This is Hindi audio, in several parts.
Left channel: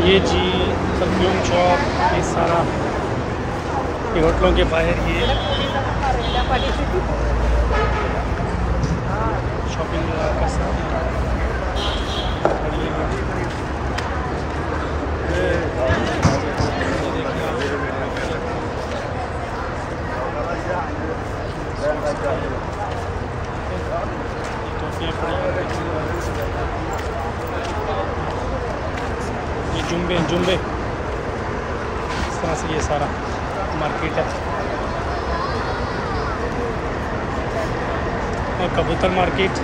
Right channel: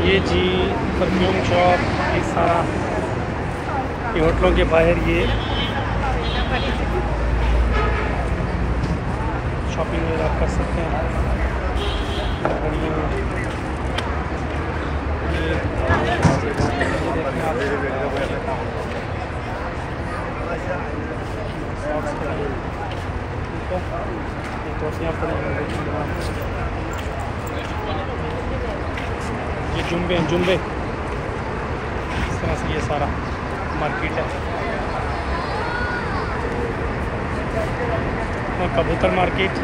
ये जी परफ्यूम शॉप, ये सारा ये होटलों के बाहर ये शॉपिंग आप कर सकते हैं। ये देखें आप, ठीक है, ये टोपियाँ पड़ी हैं, ये जुम्बे इस तरह से ये सारा मार्केट है। और कबूतर मार्केट,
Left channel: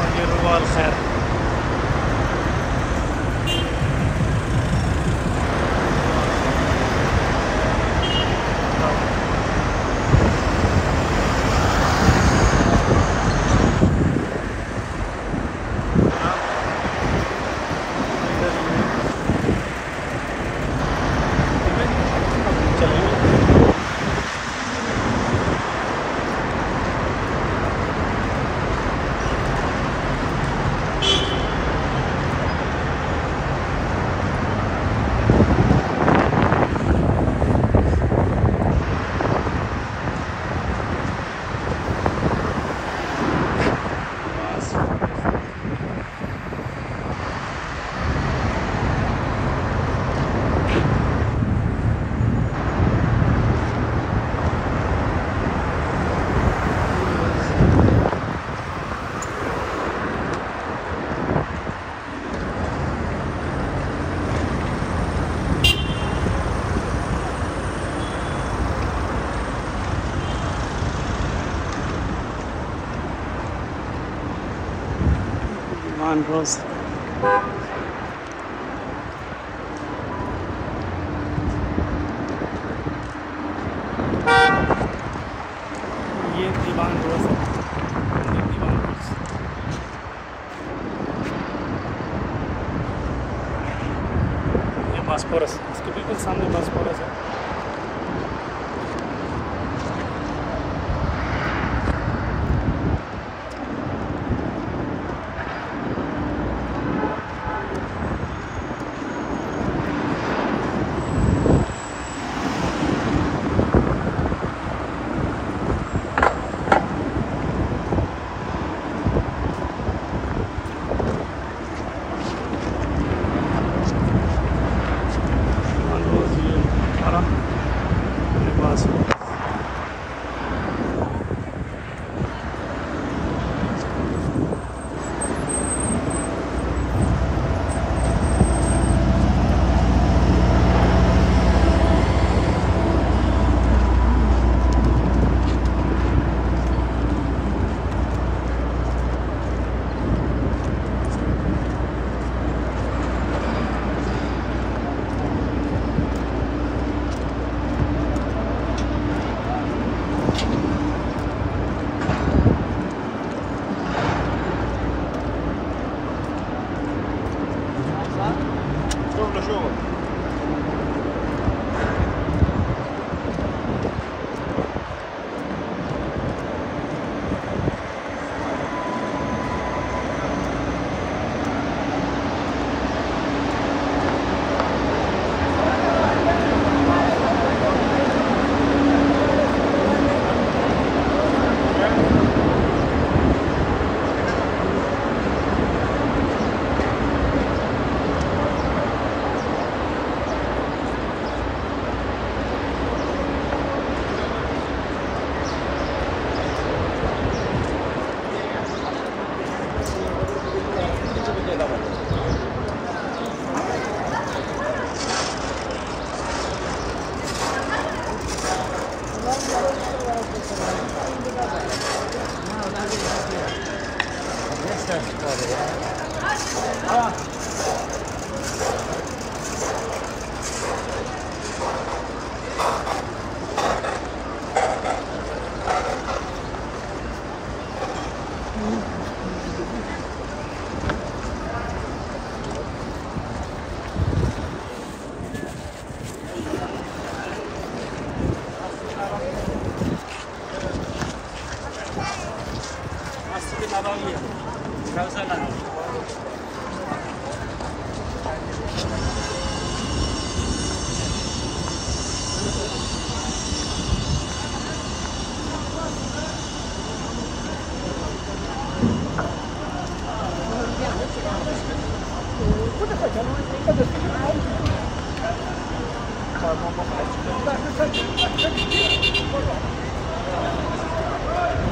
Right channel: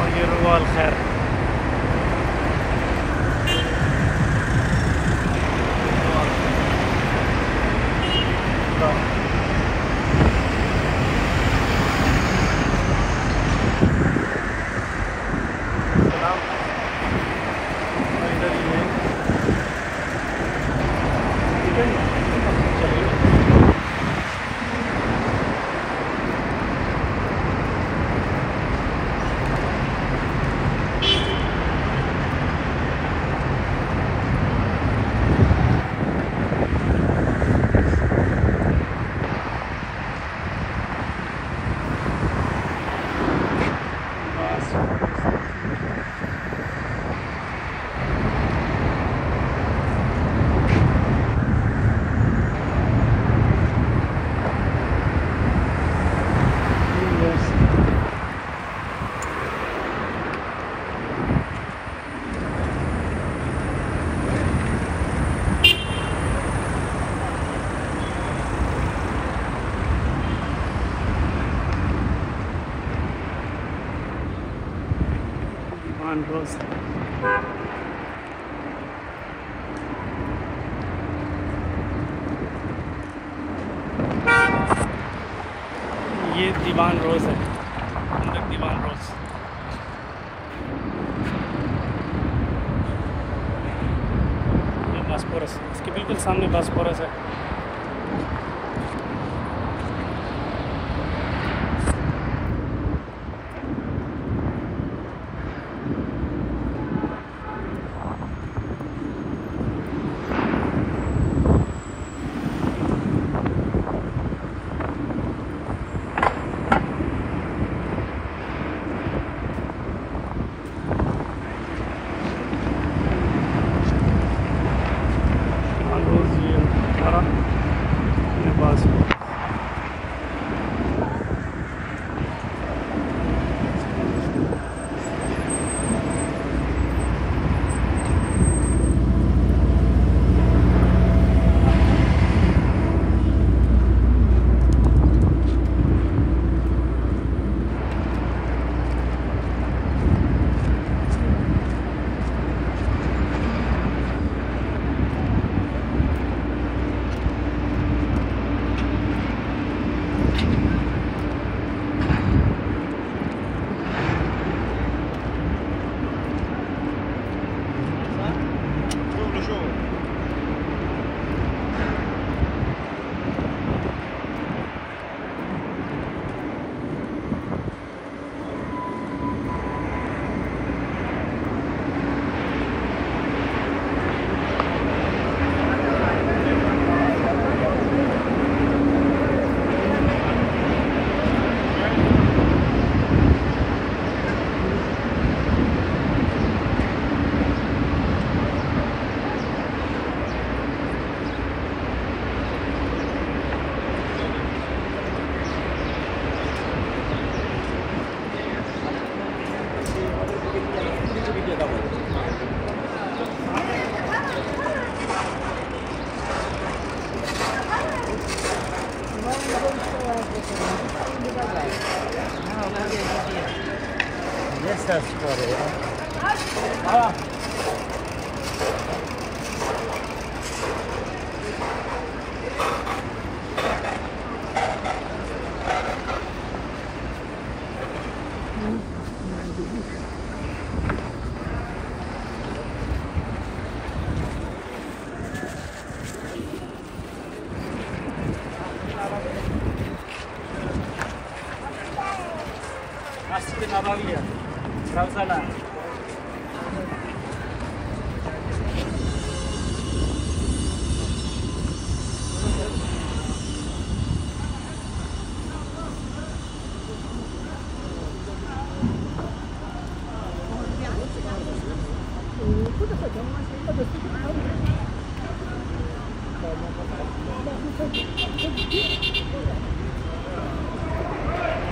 और ये रुवाल खैर। रोज ये दीवान रोज है, अंदर दीवान रोज। ये बास्पोरस, इसके बिल्कुल सामने बास्पोरस है। ये बास्पोरस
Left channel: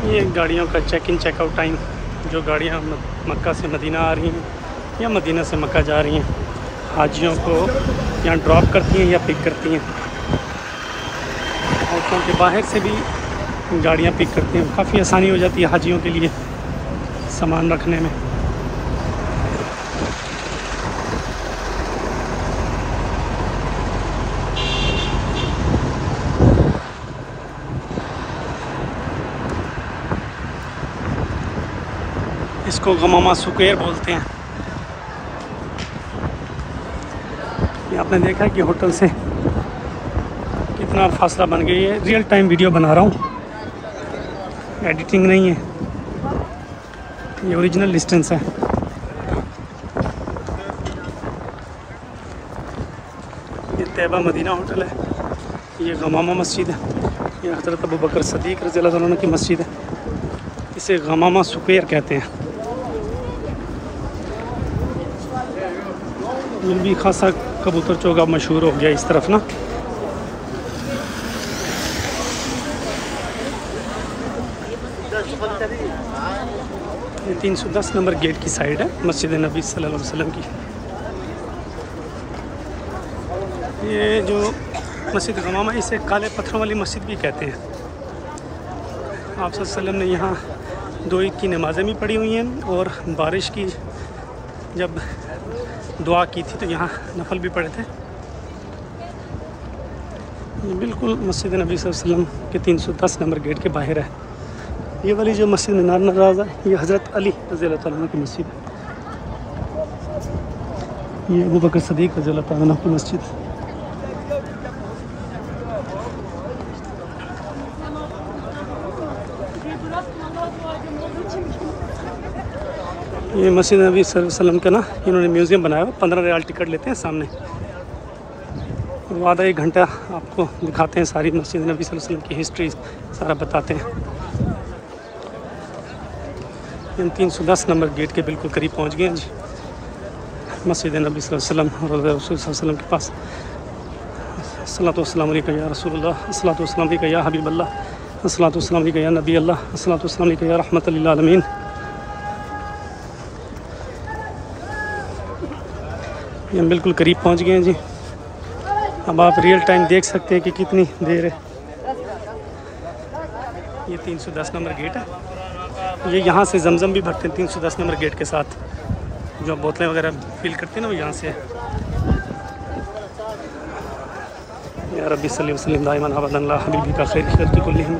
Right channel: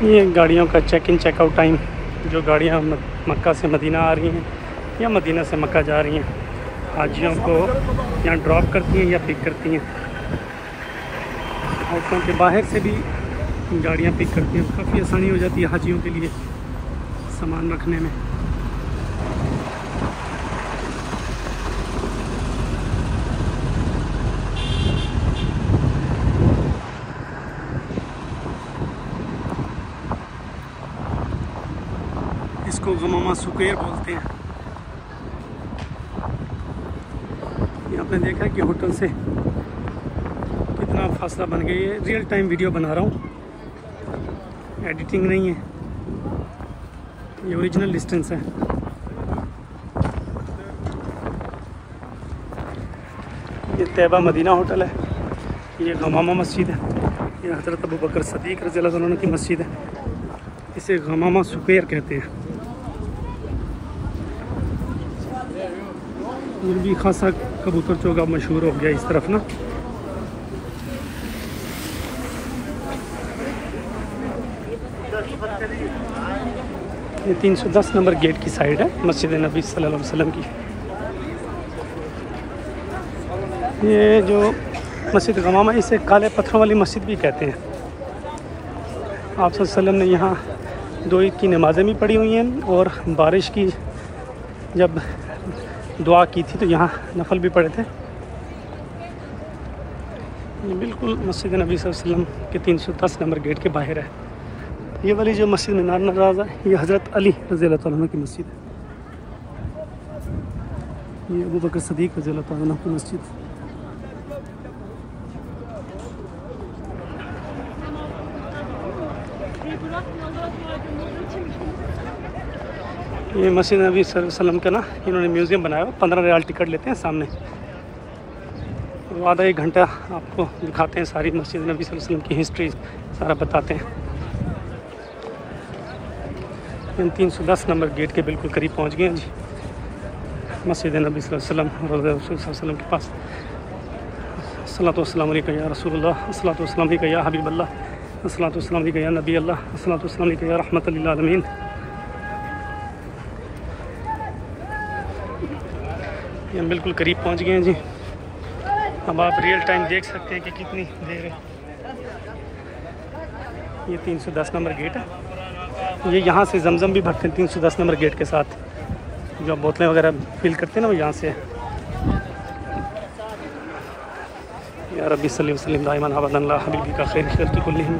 ये गाड़ियों का चेक इन चेकआउट टाइम, जो गाड़ियाँ मक्का से मदीना आ रही हैं या मदीना से मक्का जा रही हैं, हाजियों को यहाँ ड्रॉप करती हैं या पिक करती हैं। होटलों के बाहर से भी गाड़ियाँ पिक करती हैं। काफ़ी आसानी हो जाती है हाजियों के लिए सामान रखने में। इसको गमामा स्क्वायर बोलते हैं। ये आपने देखा कि होटल से कितना फासला बन गया है। रियल टाइम वीडियो बना रहा हूँ, एडिटिंग नहीं है, ये ओरिजिनल डिस्टेंस है। ये तैयबा मदीना होटल है, ये गमामा मस्जिद है, ये हज़रत अबू बकर सदीक रज़ियल्लाहु अन्हु की मस्जिद है। इसे गमामा स्क्वायर कहते हैं। ये भी खासा कबूतर चौगा मशहूर हो गया इस तरफ ना। ये 310 नंबर गेट की साइड है मस्जिद नबी सल्लल्लाहु अलैहि वसल्लम की। ये जो मस्जिद गमामा, इसे काले पत्थरों वाली मस्जिद भी कहते हैं। आप सल्लल्लाहु अलैहि वसल्लम ने यहाँ 2 ईद की नमाज़ें भी पढ़ी हुई हैं, और बारिश की जब दुआ की थी तो यहाँ नफल भी पढ़े थे। ये बिल्कुल मस्जिद नबी सल्लल्लाहु अलैहि वसल्लम के 310 नंबर गेट के बाहर है। ये वाली जो मस्जिद मीनार नज़र है, ये हज़रत अली रज़ियल्लाहु अन्हु की मस्जिद है। ये अबू बकर सदीक रज़ियल्लाहु अन्हु की मस्जिद। ये मस्जिद नबी सल्लल्लाहु अलैहि वसल्लम का ना इन्होंने म्यूज़ियम बनाया हुआ। 15 रियाल टिकट लेते हैं सामने, और आधा 1 घंटा आपको दिखाते हैं सारी मस्जिद नबी सल्लल्लाहु अलैहि वसल्लम की हिस्ट्री, सारा बताते हैं। हम 310 नंबर गेट के बिल्कुल करीब पहुंच गए हैं जी, मस्जिद नबी सल्लल्लाहु अलैहि वसल्लम और रसूल सल्लल्लाहु अलैहि वसल्लम के पास। अस्सलातु वस्सलामु अलैका या रसूलल्लाह, अस्सलातु वस्सलामु अलैका या हबीबल्लाह, अस्सलातु वस्सलामु अलैका या नबी अल्लाह, अस्सलातु वस्सलामु अलैका या रहमतुल लिल आलमीन। ये हम बिल्कुल करीब पहुंच गए हैं जी। अब आप रियल टाइम देख सकते हैं कि कितनी देर है। ये 310 नंबर गेट है। ये यहाँ से जमजम भी भरते हैं 310 नंबर गेट के साथ। जो बोतलें वगैरह फिल करते हैं ना, वो यहाँ से है। या रब्बी सल्ली वसल्लिम दाइमन अबदन अला हबीबी का खैर खल्क़ि कुल्लिहिम।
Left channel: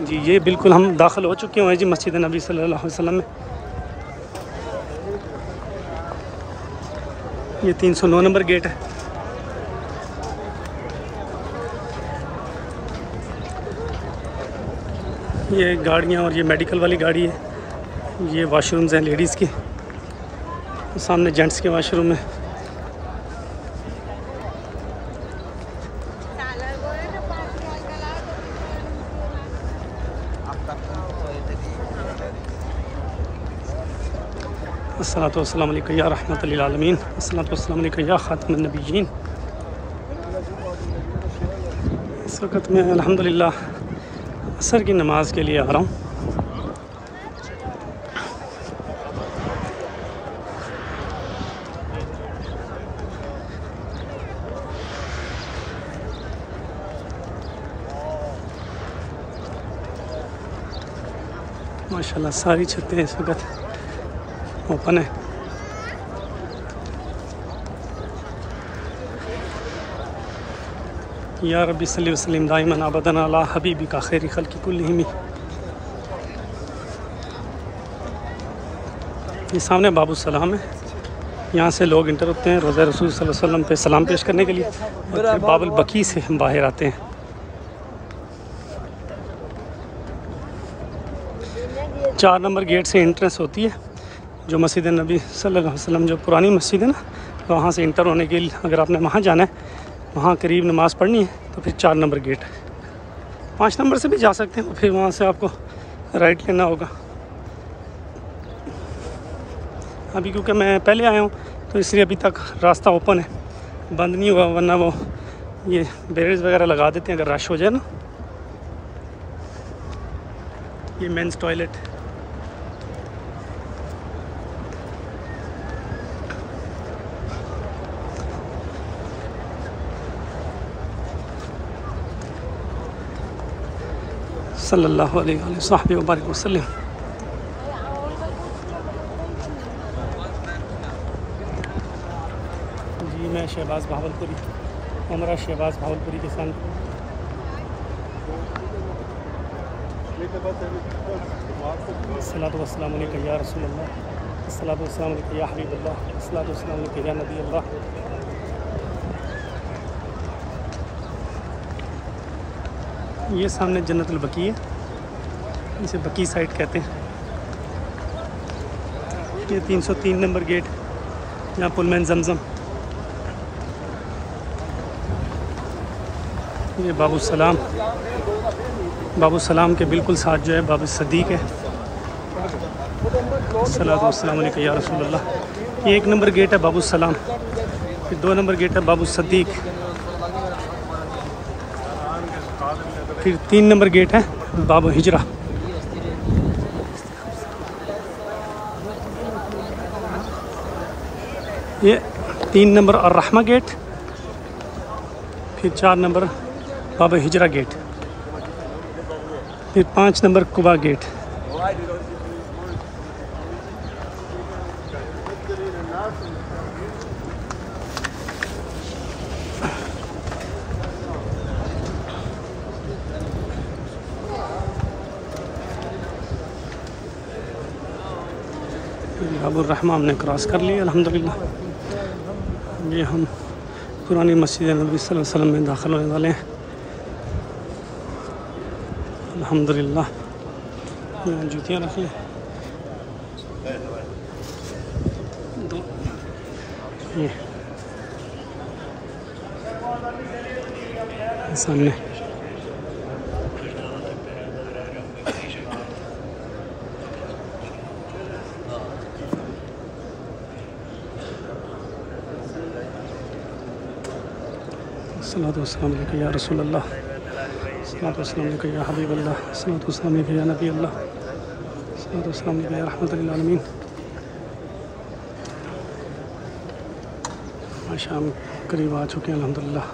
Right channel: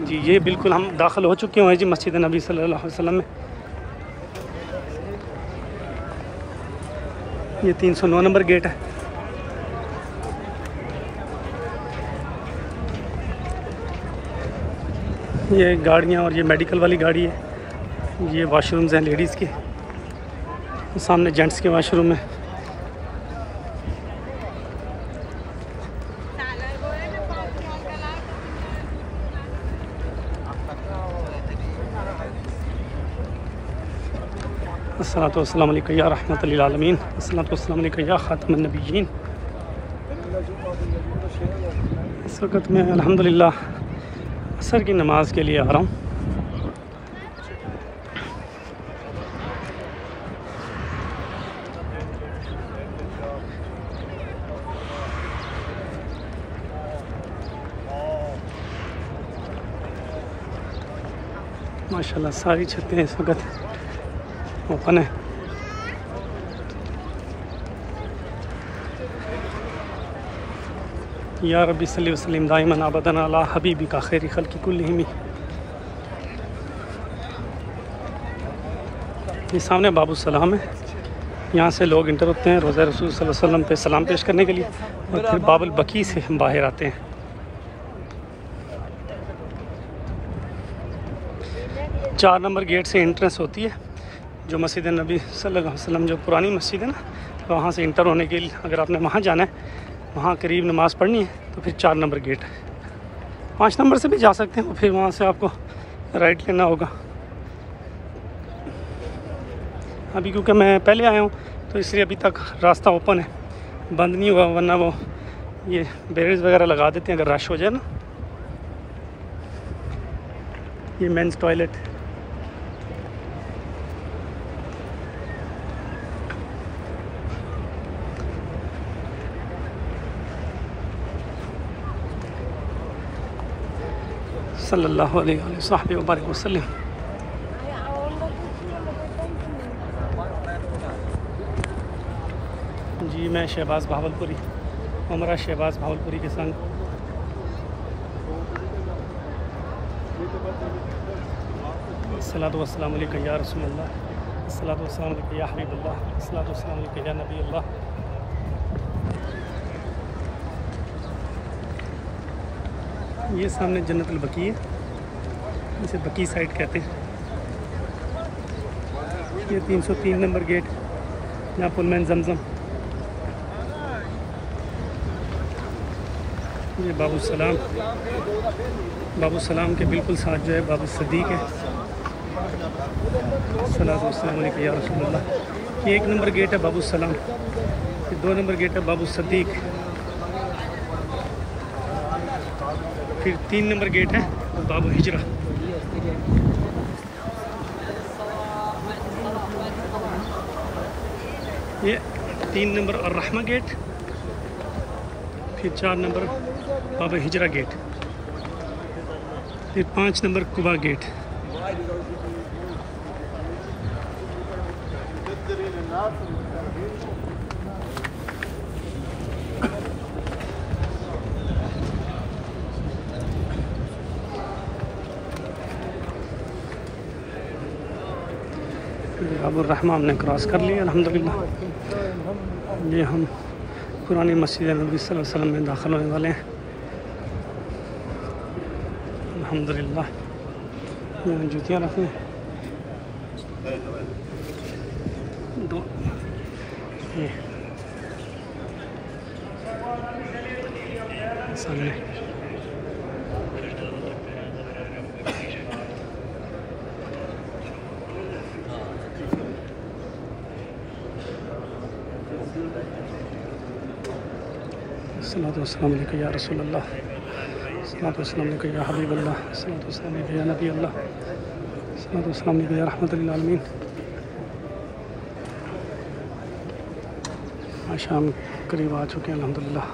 जी ये बिल्कुल हम दाखिल हो चुके हैं जी मस्जिद नबी सल्लल्लाहु अलैहि वसल्लम में। ये 309 नंबर गेट है। ये गाड़ियाँ, और ये मेडिकल वाली गाड़ी है। ये वाशरूम्स हैं लेडीज़ के, सामने जेंट्स के वाशरूम है। अस्सलातु वस्सलामु अलैका या रहमतुल लिल आलमीन, अस्सलातु वस्सलामु अलैका या खातमुन नबिय्यीन। इस वक्त मैं अल्हम्दुलिल्लाह असर की नमाज़ के लिए आ रहा हूँ। माशाल्लाह सारी छतें इस वक्त ओपन है। या रब्बी सल्ली वसल्लिम दाइमन अबदन अला हबीबी का खैर खल्क़ि कुल्लिहिम। ये सामने बाबू सलाम है, यहाँ से लोग इंटर होते हैं रोज़ा रसूल सल्लल्लाहु अलैहि वसल्लम पे सलाम पेश करने के लिए और फिर बाबुल बकी से बाहर आते हैं। चार नंबर गेट से एंट्रेंस होती है जो मस्जिद नबी सल्लल्लाहु अलैहि वसल्लम, जो पुरानी मस्जिद है ना, तो वहाँ से इंटर होने के लिए अगर आपने वहाँ जाना है, वहाँ करीब नमाज़ पढ़नी है तो फिर 4 नंबर गेट है। 5 नंबर से भी जा सकते हैं और फिर वहाँ से आपको राइट लेना होगा। अभी क्योंकि मैं पहले आया हूँ तो इसलिए अभी तक रास्ता ओपन है, बंद नहीं हुआ, वरना वो ये बैरियर्स वगैरह लगा देते हैं अगर रश हो जाए ना। ये मेंस टॉयलेट, सल्लल्लाहु अलैहि वसल्लम। जी मैं शहबाज भावलपुरी, उमरा शहबाज भावलपुरी के संग अस्सलातु वस्सलामु अलैका या रसूल अल्लाह, अस्सलातु वस्सलामु अलैका या हबीब अल्लाह, अस्सलातु वस्सलामु अलैका या नबी अल्लाह। ये सामने जन्नतुल बकी है, इसे बकी साइड कहते हैं। ये 303 नंबर गेट, यहाँ पुलमैन जमजम। ये बाबू सलाम, बाबू सलाम के बिल्कुल साथ जो है बाबू सदीक है। सल्लल्लाहु अलैहि या रसूल अल्लाह। ये 1 नंबर गेट है बाबू सलाम, फिर 2 नंबर गेट है बाबू सदीक, फिर 3 नंबर गेट है बाबू हिजरा। ये 3 नंबर और रहमा गेट, फिर 4 नंबर बाबू हिजरा गेट, फिर 5 नंबर कुबा गेट। बाबुर रहमा हमने क्रॉस कर लिया अल्हम्दुलिल्लाह। ये हम पुरानी मस्जिद नबी सल्लल्लाहु अलैहि वसल्लम में दाखिल होने वाले हैं अल्हम्दुलिल्लाह। यहाँ जूतियाँ रख लें, 2 ये सामने। अस्सलातु वस्सलामु अलैका या रसूल अल्लाह, अस्सलातु वस्सलामु अलैका या हबीब अल्लाह, अस्सलातु वस्सलामु अलैका या नबी अल्लाह, अस्सलातु वस्सलामु अलैका या रहमतुल लिल आलमीन। शाम करीब आ चुके हैं अल्हम्दुलिल्लाह।